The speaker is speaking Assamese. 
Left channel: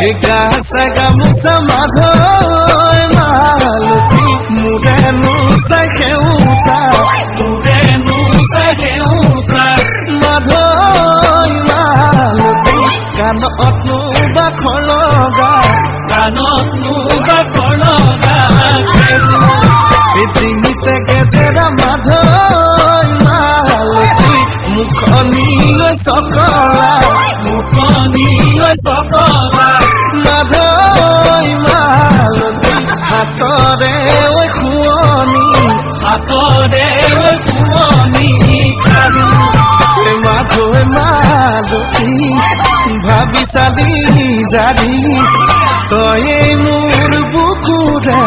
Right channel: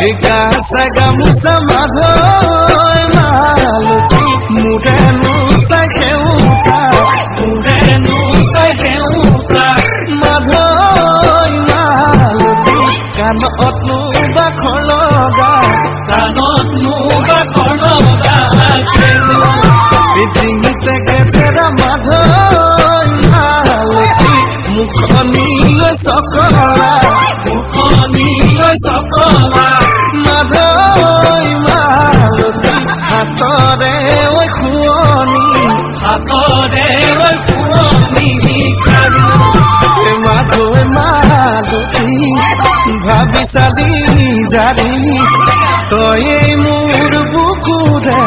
গাছা গামোচা মাধৈ মালতী মোৰেনো চাই সেউতা মাধৈ মালতী কাণতনো বাখৰ লগা ডিঙিতে গেজেৰা মাধৈ মালতী মুখনি চকলা মাধৈ মালতী হাতৰে খুৱনি মাধৈ মালতী ভাবি চালি জাৰি তয়ে মোৰ বুকুৰে